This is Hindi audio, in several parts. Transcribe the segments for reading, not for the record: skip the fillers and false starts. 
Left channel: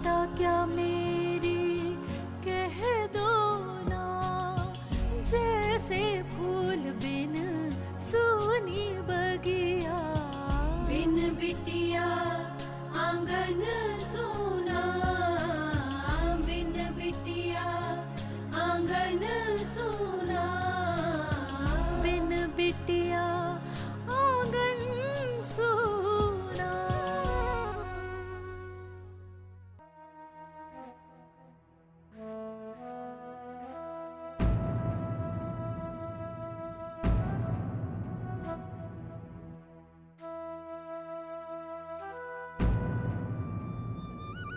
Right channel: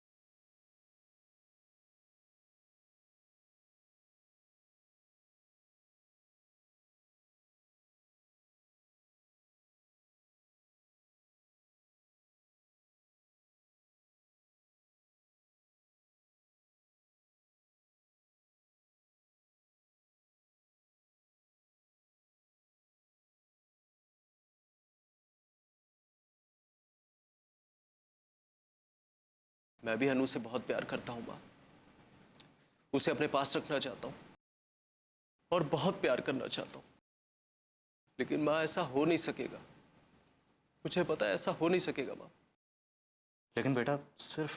बेटा क्या मेरी कह दो ना, जैसे फूल बिन सूनी बगिया, बिन बिटिया आंगन सूना, बिन बिटिया आंगन सूना, बिन बिटिया आंगन सूना। मैं भी अनु से बहुत प्यार करता हूं मां, उसे अपने पास रखना चाहता हूं और बहुत प्यार करना चाहता हूं, लेकिन मां ऐसा हो नहीं सकेगा। मुझे पता है ऐसा हो नहीं सकेगा मां। लेकिन बेटा, सिर्फ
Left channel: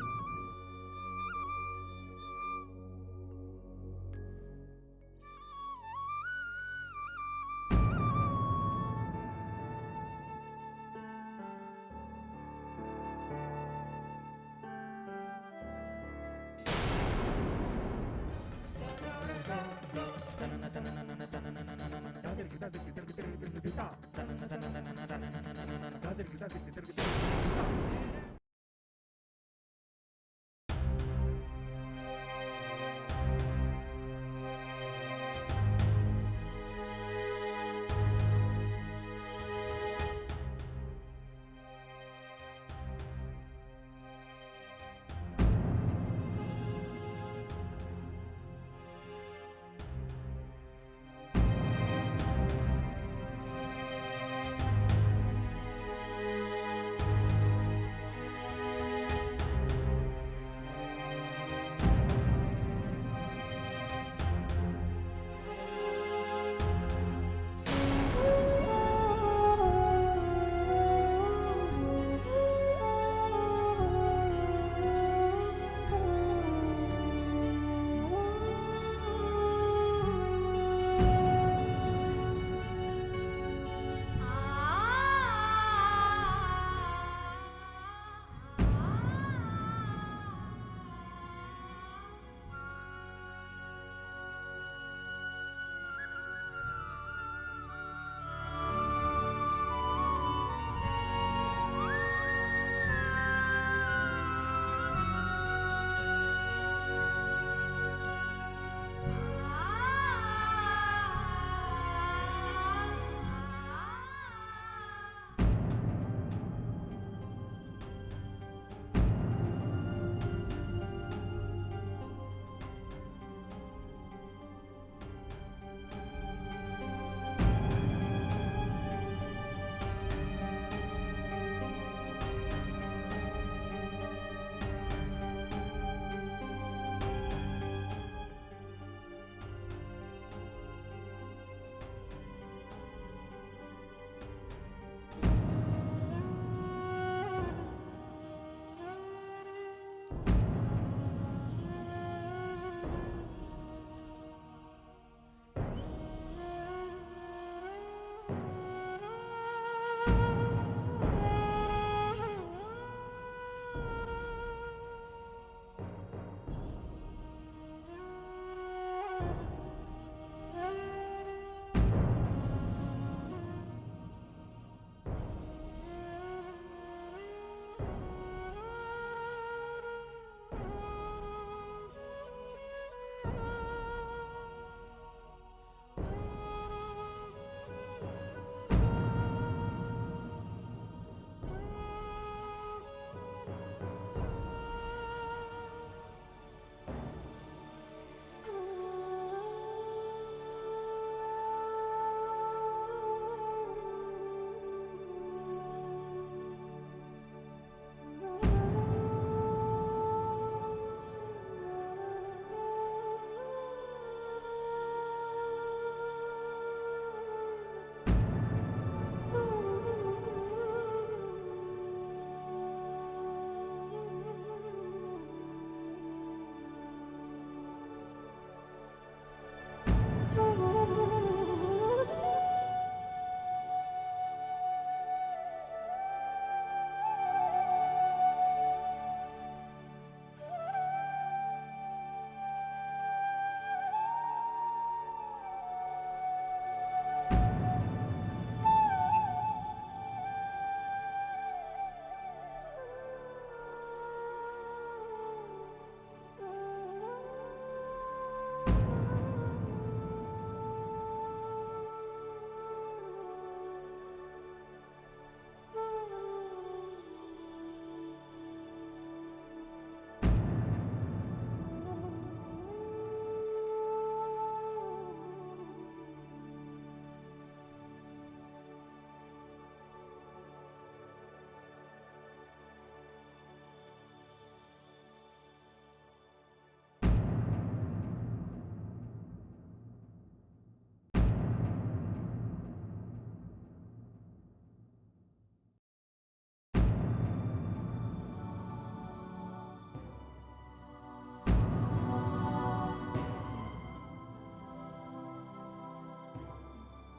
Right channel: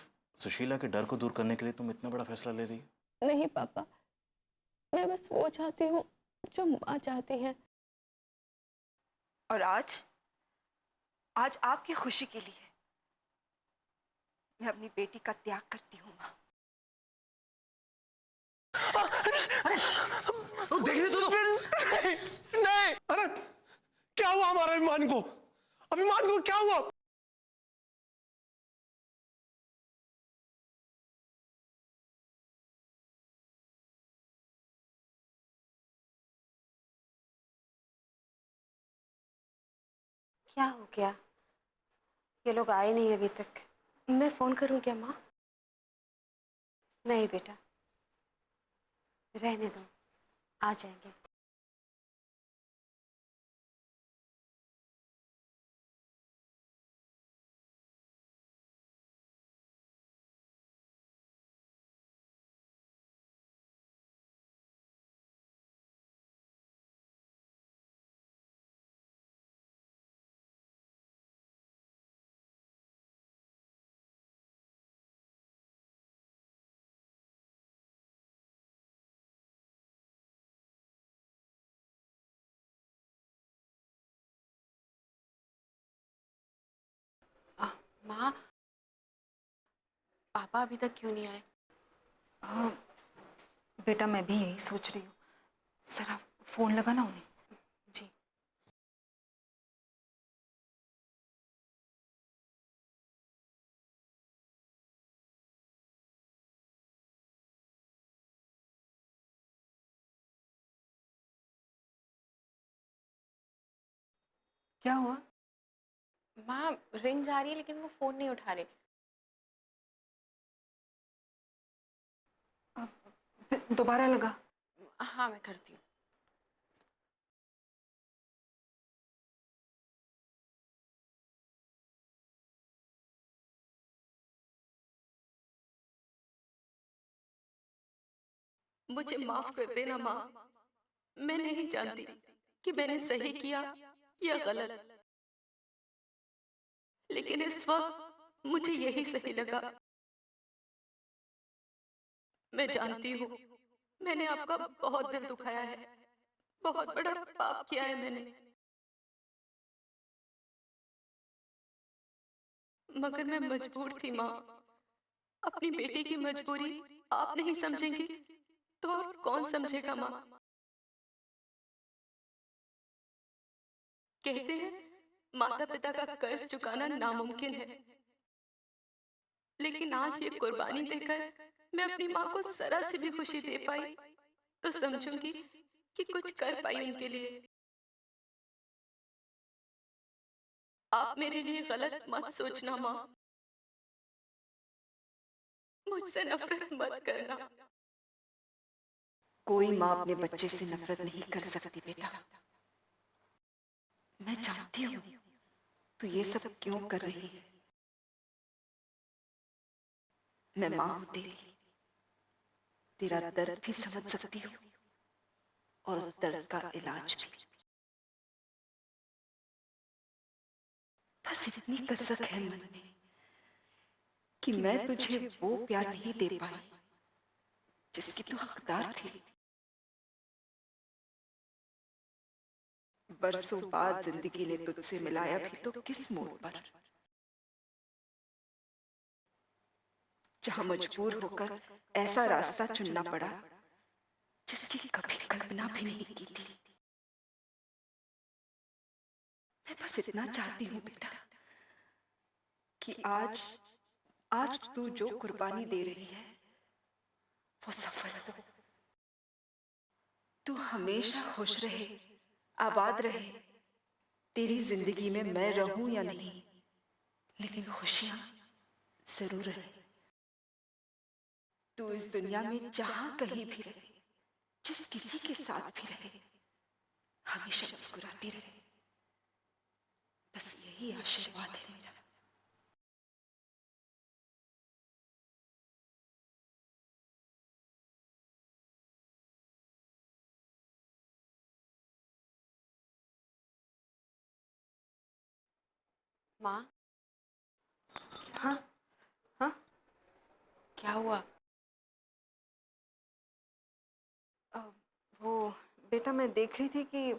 सुशीला के डर को दूर करने के लिए तुम इतना बड़ा फैसला ले रही हो? नहीं पापा, मैं बस वो चाहती हूँ जो माँ चाहती है। और आज आपकी खुशी के लिए मैं अपनी बेटी का त्याग करती हूँ माँ। देखने दो नहीं। अरे क्या हुआ हमारे अभिमान को? अभिमान को क्या हुआ? क्या हो गया? ये लोग आए नहीं अभी तक। मैं फोन करूँ क्या माँ? नहीं बेटा, रहने दो, आ जाएंगे। माँ, पापा अभी तक क्यों नहीं आए? हाँ बेटा, मैं भी यही सोच रही हूँ। जरा फोन लगाना उन्हें। जी। क्या हुआ? माँ, रिंग जा रही है लेकिन वो फोन नहीं उठा रहे। दोबारा लगा। हाँ, मैं करती हूँ। मुझे माफ कर देना माँ, मैं नहीं जानती कि मैंने सही किया या गलत, लेकिन इस वक्त मुझे यही सही लगा। मैं जानती हूँ मैंने आपका बहुत दिल दुखाया है, बहुत बड़ा पाप किया है मैंने, मगर मैं मजबूर थी माँ। अपनी बेटी की मजबूरी आप नहीं समझेंगी तो कौन समझेगा माँ? कहते हैं माता पिता का कर्ज चुकाना नामुमकिन है, लेकिन आज ये कुर्बानी देकर मैं अपनी माँ को जरा सी भी खुशी दे पाई तो समझूंगी कि कुछ कर पाई उनके लिए। आप मेरे लिए गलत मत सोचना माँ, मुझसे नफरत मत करना। कोई माँ अपने बच्चे से नफरत नहीं कर सकती बेटा। मैं जानती हूँ तू ये सब क्यों कर रही है। मैं माँ हूं तेरी, तेरा दर्द भी समझ सकती हूँ और उस दर्द का इलाज भी। बस इतनी कसक है मन में कि मैं तुझे वो प्यार नहीं दे पाई जिसकी तू हकदार थी। बरसों बाद जिंदगी ने तुझसे मिलाया भी तो किस मोड़ पर, जहां मजबूर होकर ऐसा रास्ता चुनना पड़ा जिसकी कभी कल्पना भी नहीं की थी। मैं बस इतना चाहती हूँ बेटा कि आज तू जो कुर्बानी दे रही है वो सफल हो। तू हमेशा खुश रहे, आबाद रहे। तेरी जिंदगी में मैं रहूं या नहीं, लेकिन खुशियां जरूर रहे। तू इस दुनिया में जहां कहीं भी रहे, जिस किसी के साथ भी रहे, हमेशा मुस्कुराती रहे। बस यही आशीर्वाद है मेरा। माँ। हाँ हाँ, क्या हुआ? वो बेटा, मैं देख रही थी कि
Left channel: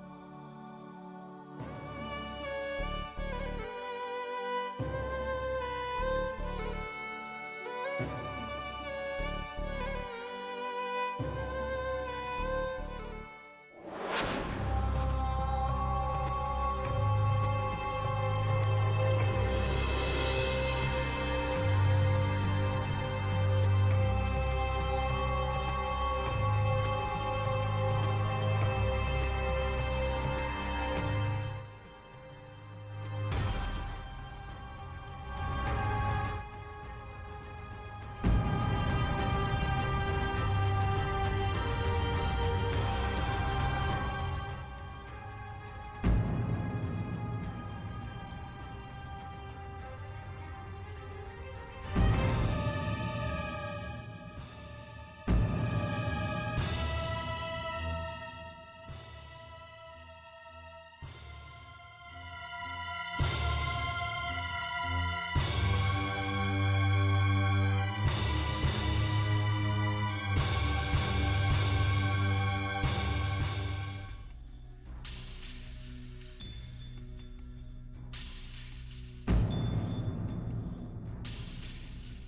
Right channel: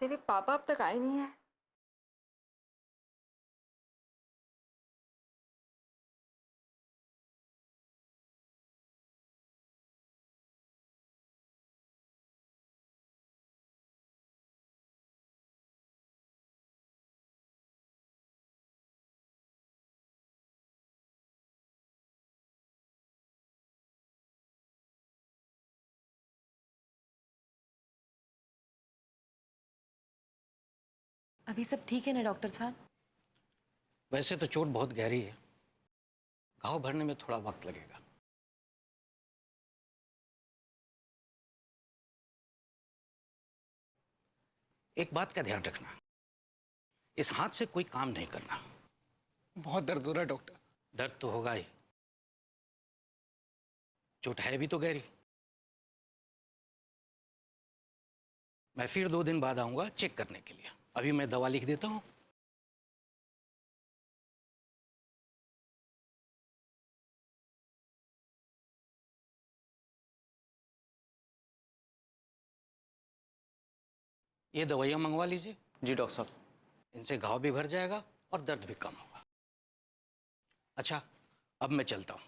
तेरे पापा अब तक आए नहीं हैं। अभी सब ठीक है ना डॉक्टर साहब? वैसे तो चोट बहुत गहरी है, घाव भरने में थोड़ा वक्त लगेगा। एक बात का ध्यान रखना, इस हाथ से कोई काम नहीं करना। बहुत दर्द हो रहा है डॉक्टर। दर्द तो होगा ही, चोट है भी तो गहरी। मैं फिर 2 दिन बाद आऊंगा चेक करने के लिए। अभी मैं दवा लिख देता हूं। ये दवाइयां मंगवा लीजिए। जी डॉक्टर साहब। इनसे घाव भी भर जाएगा और दर्द भी कम होगा। अच्छा, अब मैं चलता हूं।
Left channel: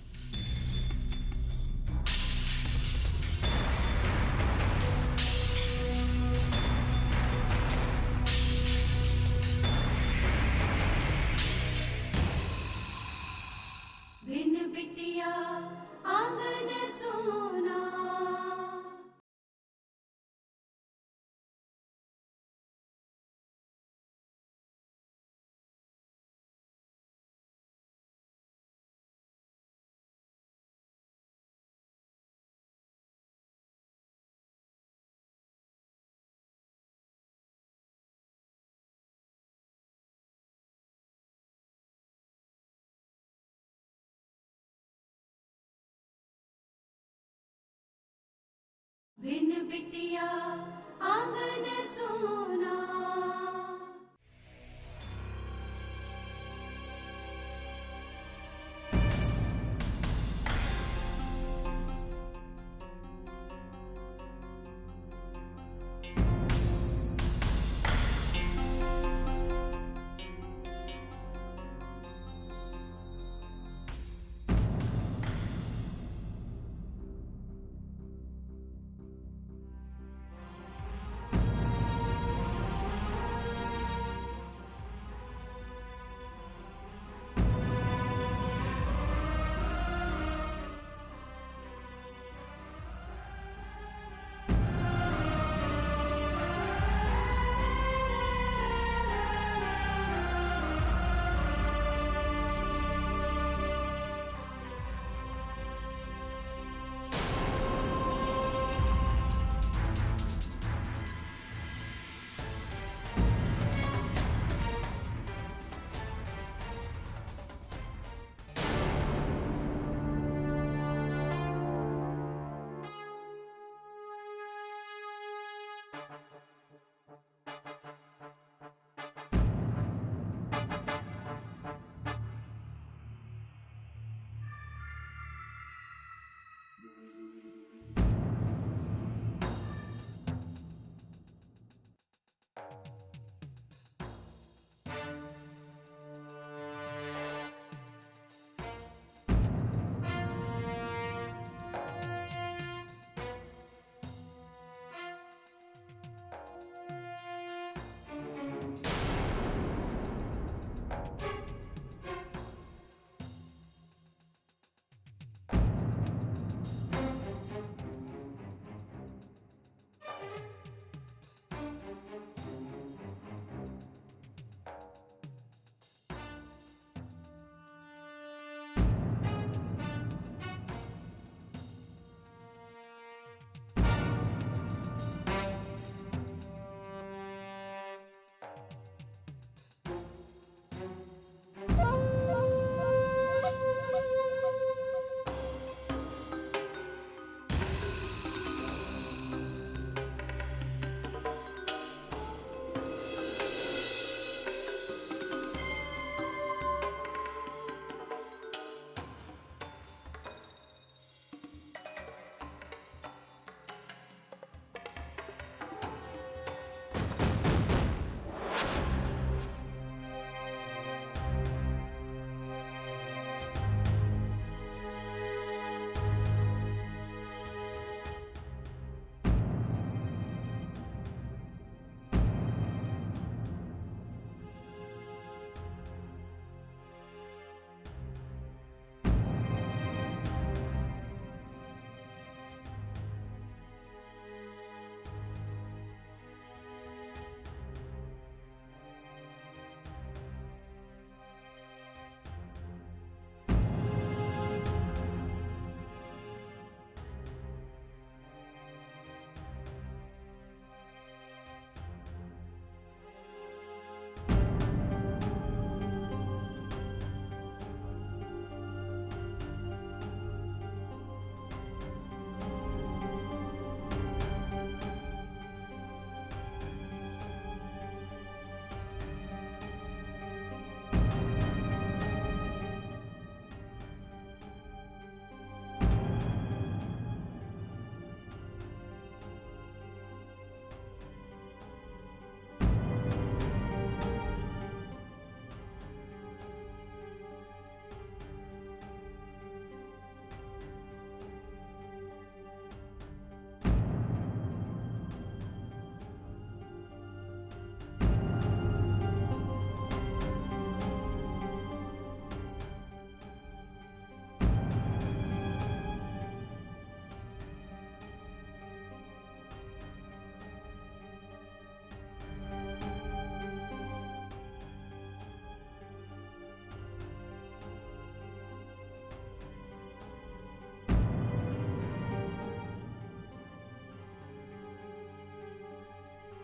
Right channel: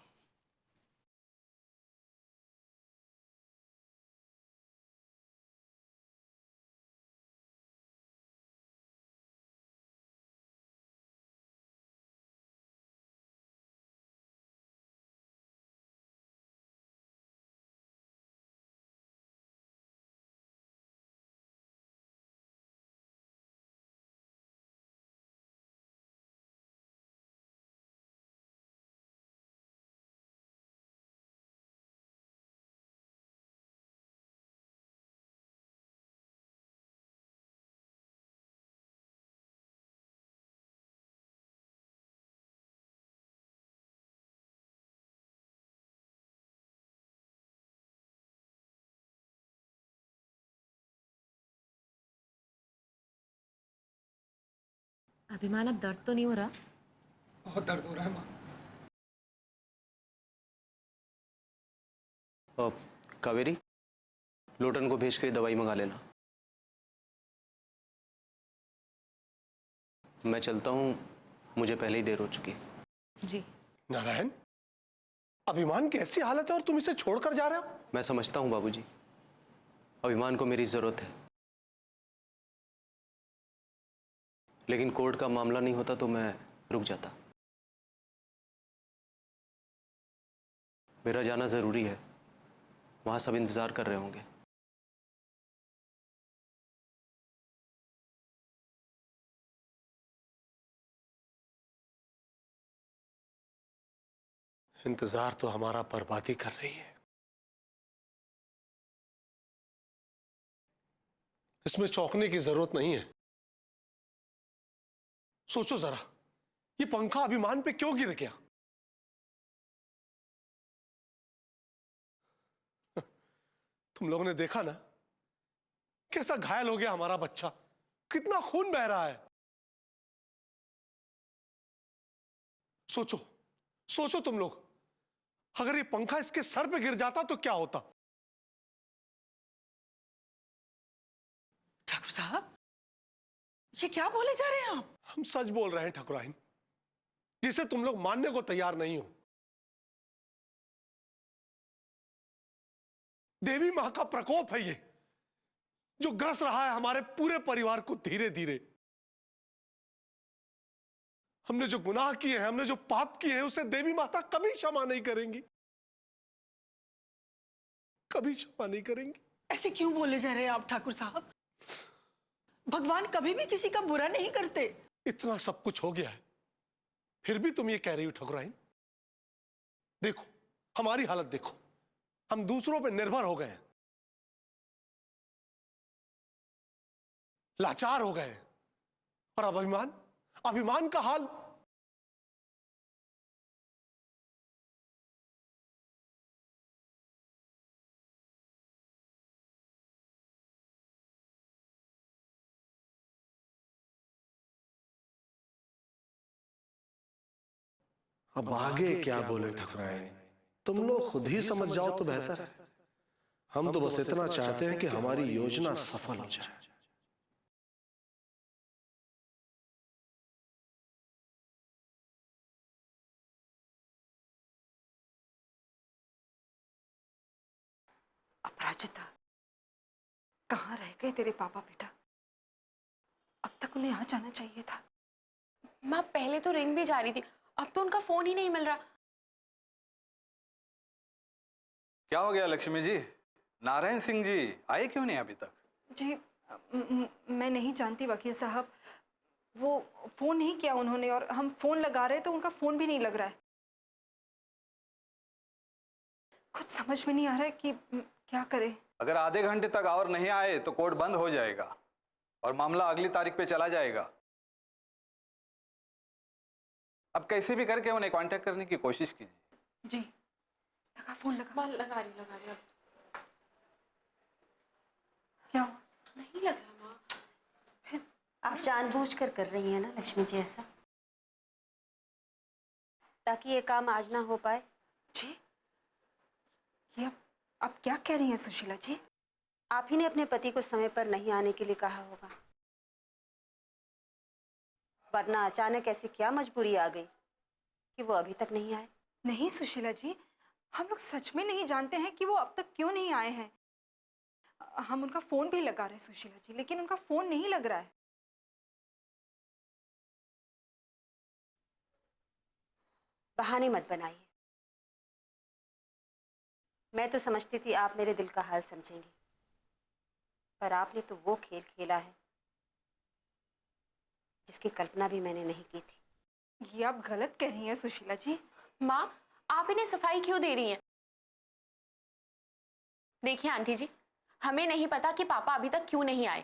बिन बिटिया आंगन सोना। बिन बिटिया आंगन सोना। अभिमान, अब दर्द तो नहीं हो रहा? बहुत दर्द हो रहा है माँ। कावेरी, लोटन को भेज के दवाई मंगा लेना। मैं चलता हूँ, मुझे पहले ही देर हो चुकी है। जी। नारायण, अभिमान की ऐसी हालत है और तुम इसे छोड़कर जा रहे हो? मैं समझता हूँ बाबूजी, अभिमान को मेरी जरूरत है, लेकिन कोर्ट का मामला नहीं होता तो मैं रुक जाता। मेरा जाना जरूरी है, वहां सब इंतजार कर रहे होंगे। इंतजार तो हमारा बर्बादी कर रही है। इसमें चौंकने की जरूरत नहीं है। सोचो जरा, ये पंखा अभिमान पे क्यों गिर गया? तुम लोगों ने देखा ना कैसा घायल हो गया हमारा बच्चा, कितना खून बह रहा है। सोचो सोचो तुम लोग, अगर ये पंखा इसके सर पे गिर जाता तो क्या होता? ठाकुर साहब, ये क्या बोले जा रहे हैं आप? हम सच बोल रहे हैं ठाकुराइन, जिसे तुम लोग मानने को तैयार नहीं हो। देवी मां का प्रकोप है ये, जो ग्रस रहा है हमारे पूरे परिवार को धीरे धीरे। हमने जो गुनाह किए हैं, हमने जो पाप किए हैं, उसे देवी माता कभी क्षमा नहीं करेंगी, कभी क्षमा नहीं करेंगी। ऐसे क्यों बोले जा रहे हैं आप ठाकुर साहब? भगवान कभी भी किसी का बुरा नहीं करते। इतना सब कुछ हो गया, फिर भी तुम ये कह रही हो ठकुराइन? देखो हमारी हालत देखो, हम दूसरों पे निर्भर हो गए, लाचार हो गए, और अब अभिमान का हाल। अब आगे क्या बोले ठकुराइन, तुम लोग खुद ही समझ जाओ तो बेहतर है। हम तो बस इतना चाहते हैं कि हमारी योजना सफल हो जाए। अपराजिता, कहाँ रह गए तेरे पापा बेटा? अब तक उन्हें आ जाना चाहिए था। माँ पहले तो रिंग भी जा रही थी, अब तो उनका फोन ही नहीं मिल रहा। क्या हो गया लक्ष्मी जी? नारायण सिंह जी आए क्यों नहीं अभी तक? जी मैं नहीं जानती वकील साहब, वो फोन नहीं किया उन्होंने, और हम फोन लगा रहे तो उनका फोन भी नहीं लग रहा है। कुछ समझ में नहीं आ रहा है कि क्या करें। अगर आधे घंटे तक और नहीं आए तो कोर्ट बंद हो जाएगा और मामला अगली तारीख पे चला जाएगा। अब कैसे भी करके उन्हें कांटेक्ट करने की कोशिश की। जी लगा फोन, लगा रही हूँ। क्या नहीं लग रहा। आप जानबूझकर कर रही हैं ना लक्ष्मी जी ऐसा, ताकि ये काम आज ना हो पाए? जी ये आप क्या कह रही हैं सुशीला जी? आप ही ने अपने पति को समय पर नहीं आने के लिए कहा होगा, वरना अचानक ऐसी क्या मजबूरी आ गई कि वो अभी तक नहीं आए? नहीं सुशीला जी, हम लोग सच में नहीं जानते हैं कि वो अब तक क्यों नहीं आए हैं। हम उनका फोन भी लगा रहे हैं सुशीला जी, लेकिन उनका फोन नहीं लग रहा है। बहाने मत बनाइए। मैं तो समझती थी आप मेरे दिल का हाल समझेंगे, पर आपने तो वो खेल खेला है जिसकी कल्पना भी मैंने नहीं की थी। ये आप गलत कह रही हैं सुशीला जी। माँ आप इन्हें सफाई क्यों दे रही हैं? देखिए आंटी जी, हमें नहीं पता कि पापा अभी तक क्यों नहीं आए।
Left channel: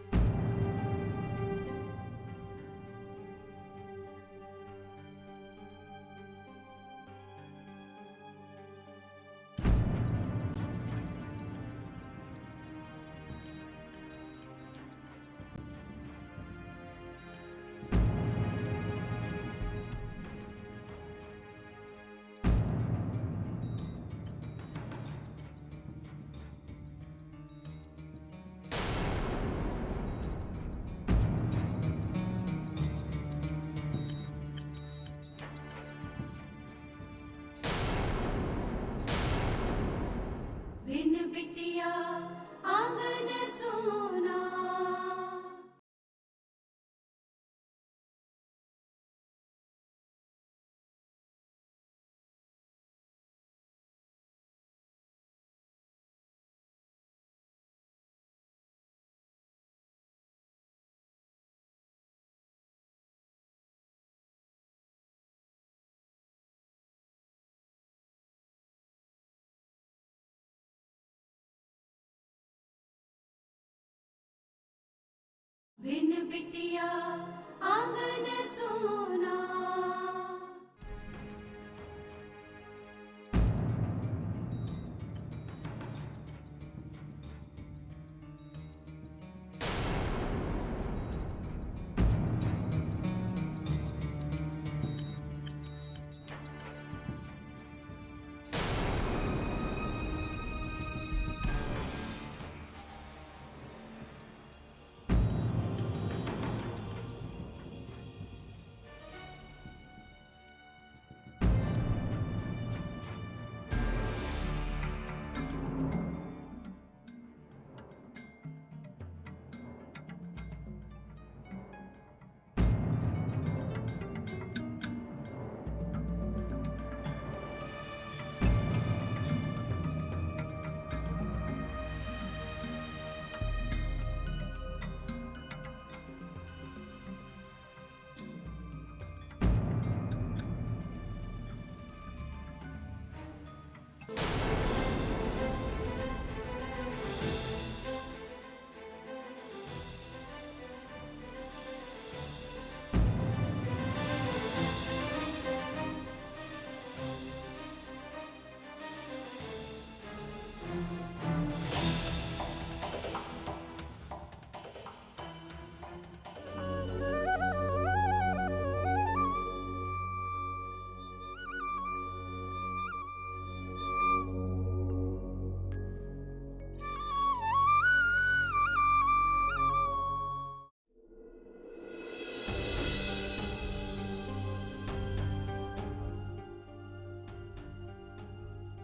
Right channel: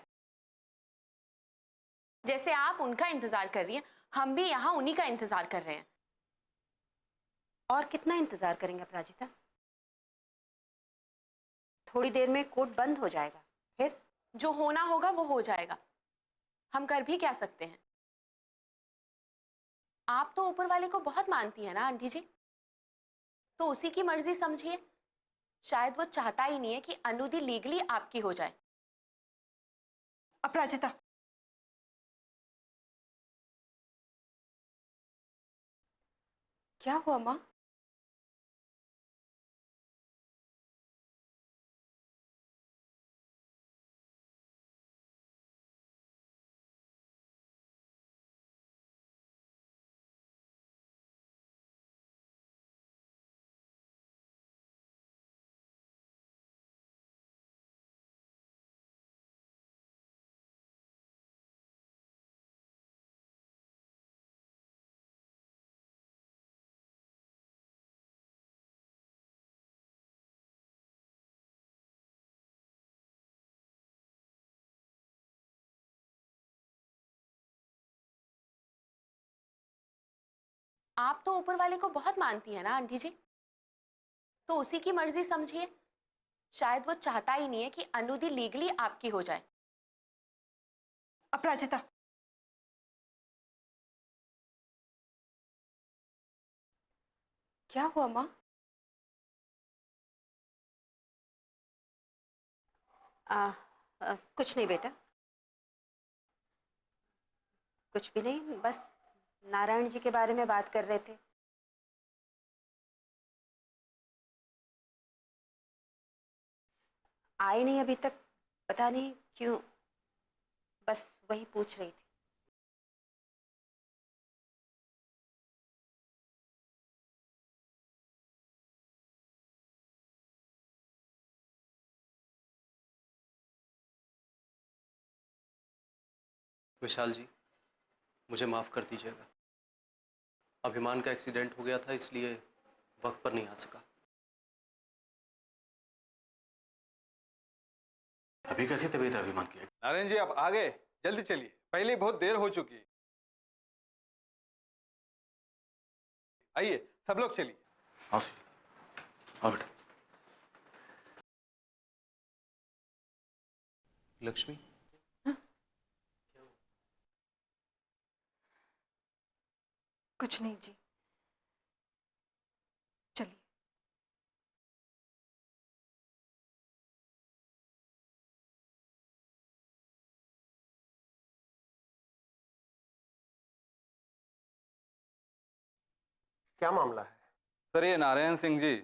जैसे आप उनका इंतजार कर रही हैं, हम भी यहाँ उन्हीं का इंतजार कर रहे हैं। और कितना इंतजार करेंगे अपराजिता? थोड़ी देर में कोर्ट बंद हो जाएगा, फिर जो होना होगा वो हो जाएगा। हम कर भी क्या सकते हैं? आप तो ऊपर वाले को बहुत मानती है ना आंटी जी, तो उसी की मर्जी समझिए। शायद वो चाहता ही नहीं है कि अनुदी लीगली आपकी हो जाए। अपराजिता, क्या हुआ माँ? बिन बिटिया आंगन सोना। बिन बिटिया आंगन सोना। आप तो ऊपर वाले को बहुत मानती है ना आंटी जी, तो उसी की मर्जी समझिए। शायद वो चाहता ही नहीं है कि अनुदी लीगली आपकी हो जाए। अपराजिता, क्या हुआ माँ? कुछ नहीं बेटा, कुछ भी नहीं, बस नारायण जी के बारे में बात कर रहे थे। आए नहीं अभी तक, पता नहीं क्यों, बस वही पूछ रही थी। विशाल जी, मुझे माफ कर दीजिएगा। अभिमान का एक्सीडेंट हो गया था, इसलिए वक्त पर नहीं आ सका। अभी कैसी तबीयत है अभिमान की? नारायण जी, आप आ गए, जल्दी चलिए, पहले ही बहुत देर हो चुकी। आइए सब लोग चलिए। आओ बेटा। लक्ष्मी, कुछ नहीं जी, चलिए। क्या मामला है? सर, ये नारायण सिंह जी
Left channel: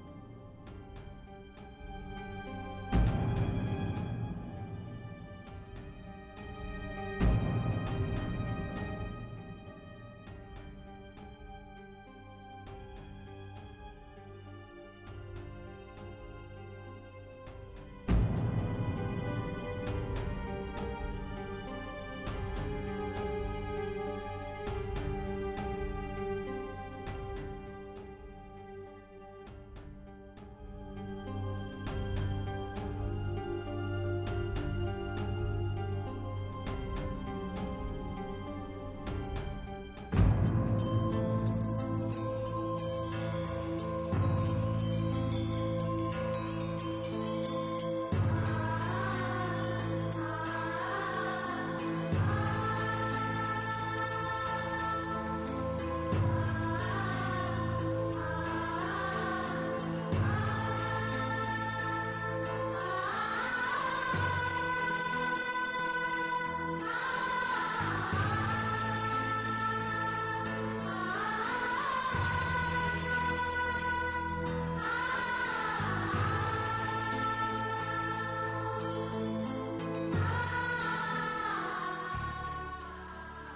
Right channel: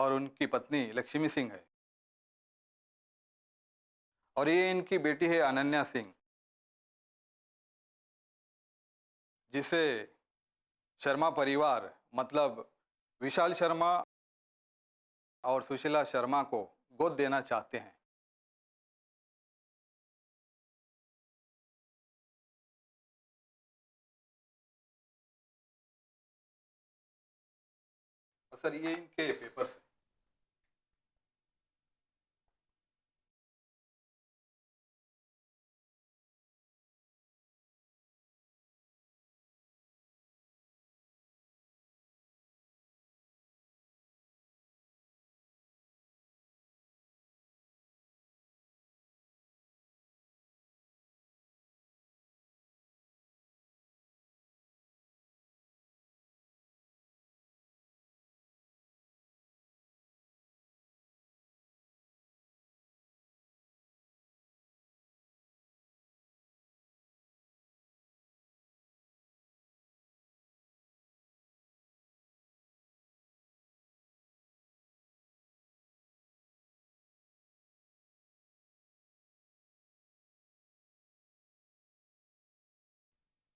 और उनकी पत्नी लक्ष्मी सिंह है, और ये इनकी बेटी है अनन्या सिंह, जिसे शर्मा परिवार मतलब विशाल शर्मा और सुशीला शर्मा को गोद देना चाहते हैं। सर, ये इनके पेपर्स हैं।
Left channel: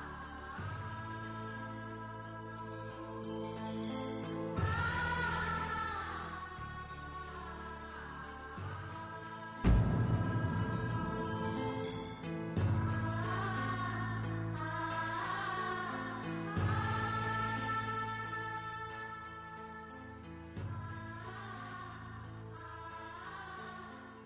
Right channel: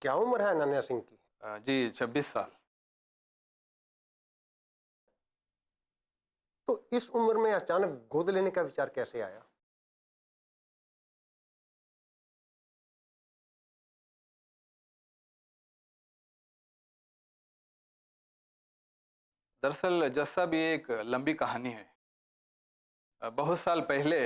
क्या उम्र है अनन्या सिंह? जी 26 साल। तो इस उम्र में अचानक गोद लेने का विचार कैसे आया? दरअसल जस्सा भी एक लंबी कहानी है। बहुत साल पहले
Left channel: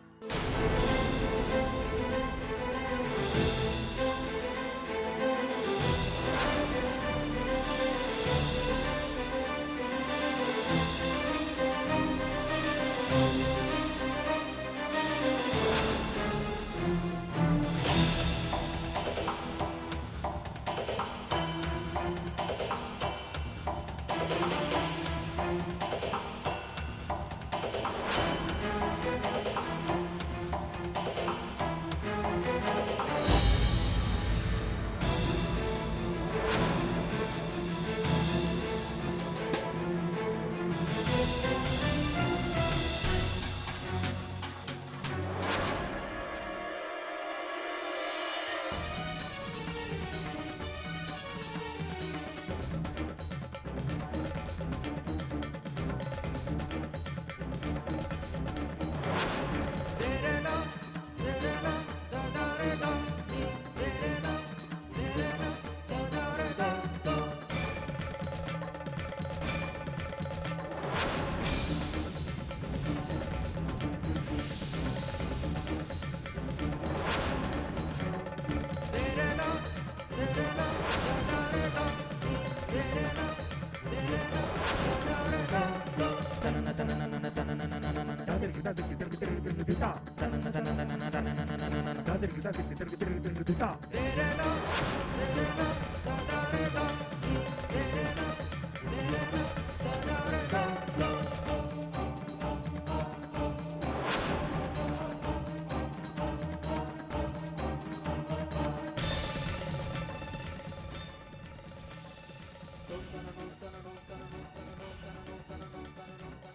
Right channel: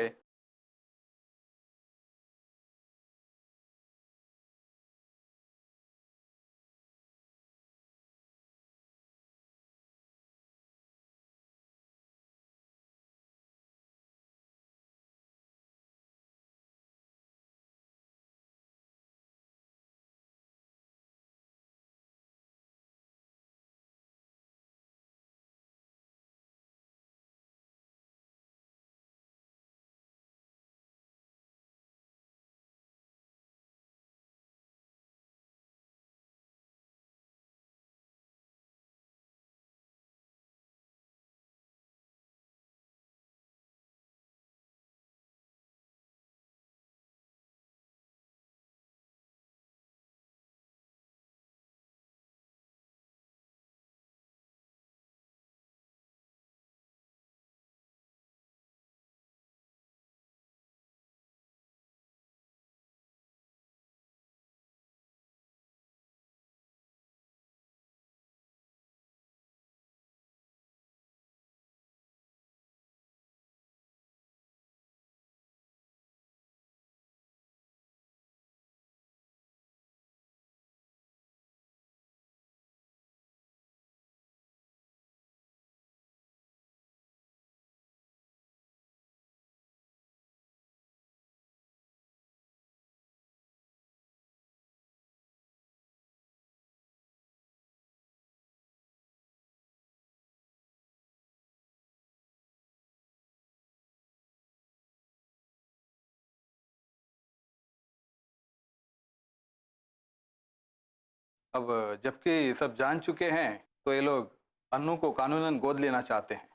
अब जबकि सब जान चुके हैं, तो ये लोग अन्नू को कानूनन गोद लेना चाहते हैं।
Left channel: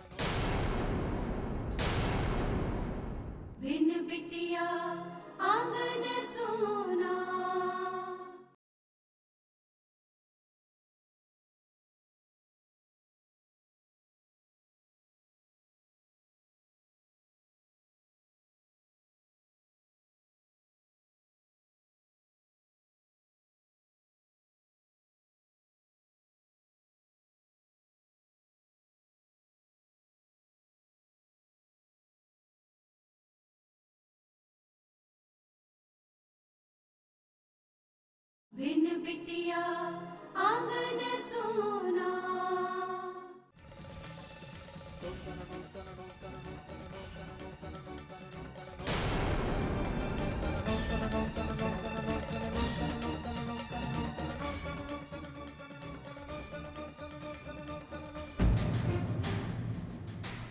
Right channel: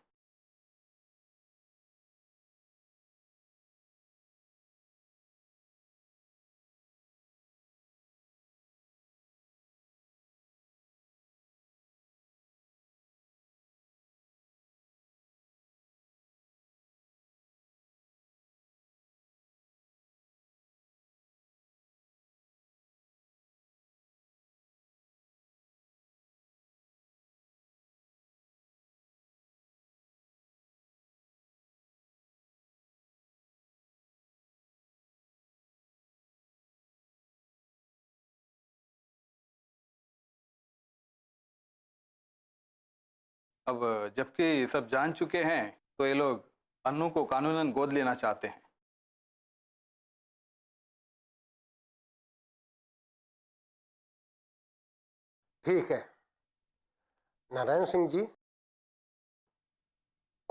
बिन बिटिया आंगन सोना। बिन बिटिया आंगन सोना। अब जबकि सब जान चुके हैं तो ये लोग अन्नू को कानूनन गोद लेना चाहते हैं। ठीक है, नारायण सिंह जी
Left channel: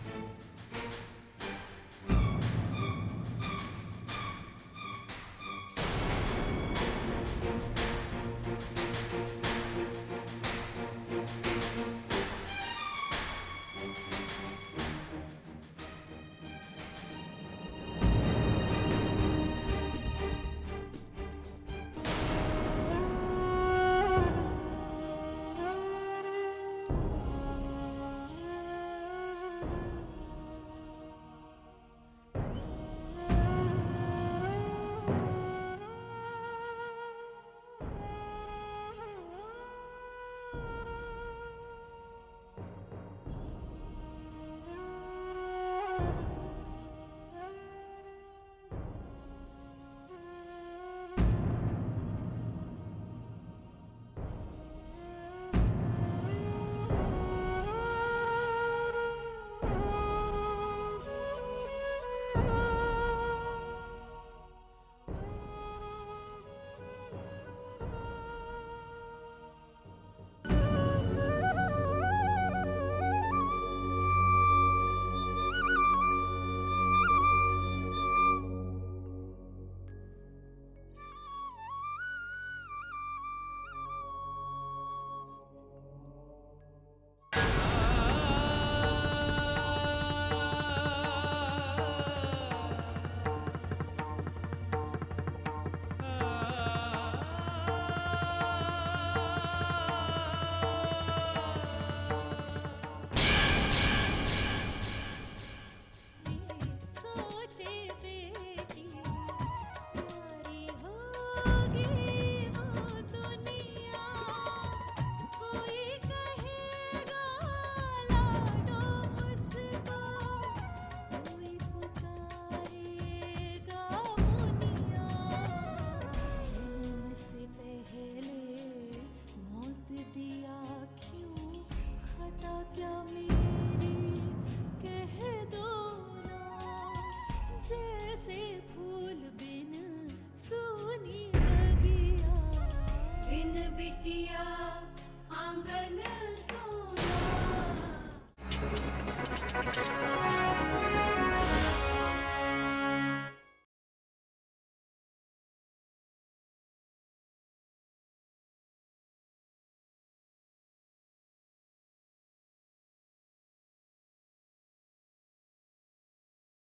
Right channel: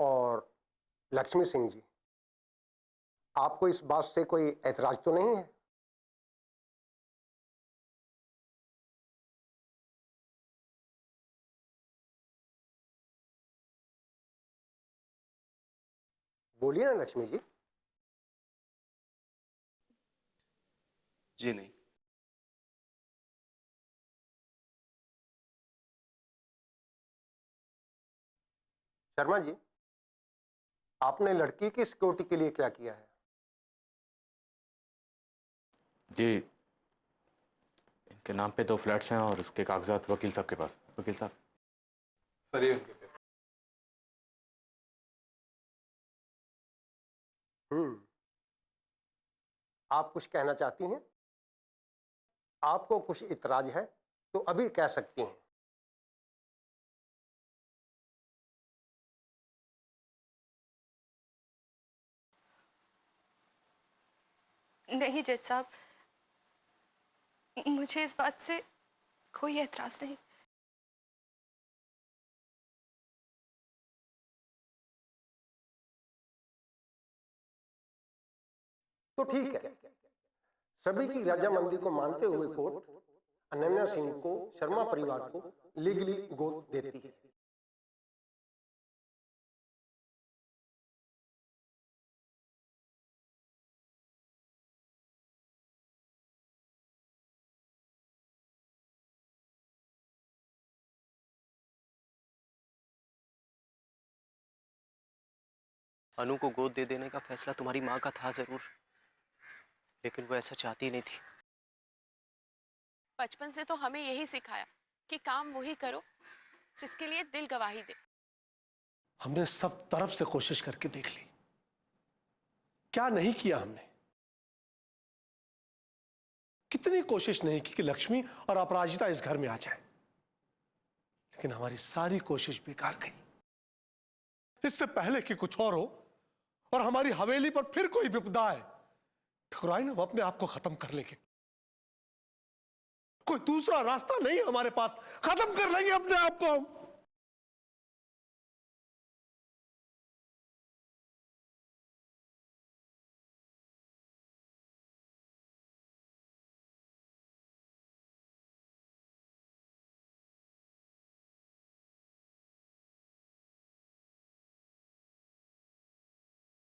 और लक्ष्मी सिंह जी, आपको इस बात से कोई ऐतराज तो नहीं है? बोलिए ना लक्ष्मी जी। जी नहीं। शर्मा जी, आपने लड़की की सिक्योरिटी के लिए क्या किया है? जी के नाम पे 2 फ्लैट्स हैं और उसके कागजात वकील साहब के पास। वकील साहब आप कुछ कहना चाहती हैं? आपको कुछ इतराज है तो अभी कह सकती हैं। नहीं जज साहब, मुझे इस बात से कोई एतराज नहीं। तो ठीक है, सभी की रजामंदी को मानते हुए कोर्ट अनन्या सिंह को शर्मा परिवार को लीगली गोद देती है। अनु को गोद दे देने का फैसला तुम्हारी माँ का था जरूर, लेकिन वो ऐसा चाहती नहीं थी। बचपन से तो हमें यही सिखाया कि काम वही करो जिसके लिए दिल गवाही दे। हमने सब तरफ से कोशिश करके देख ली, क्या नहीं किया हमने? कितनी कोशिश नहीं की कि लक्ष्मी और अपराजिता इस घर में आ जाए, लेकिन हमारी सारी कोशिश बेकार गई। इससे पहले कि कुछ और हो और हमारी हवेली पर फिर कोई विपदा आए, ठकुराइन हम अपने आप को खत्म कर लेंगे। कोई दूसरा रास्ता नहीं हमारे पास, खत्म कर लेंगे अपने आप को हम।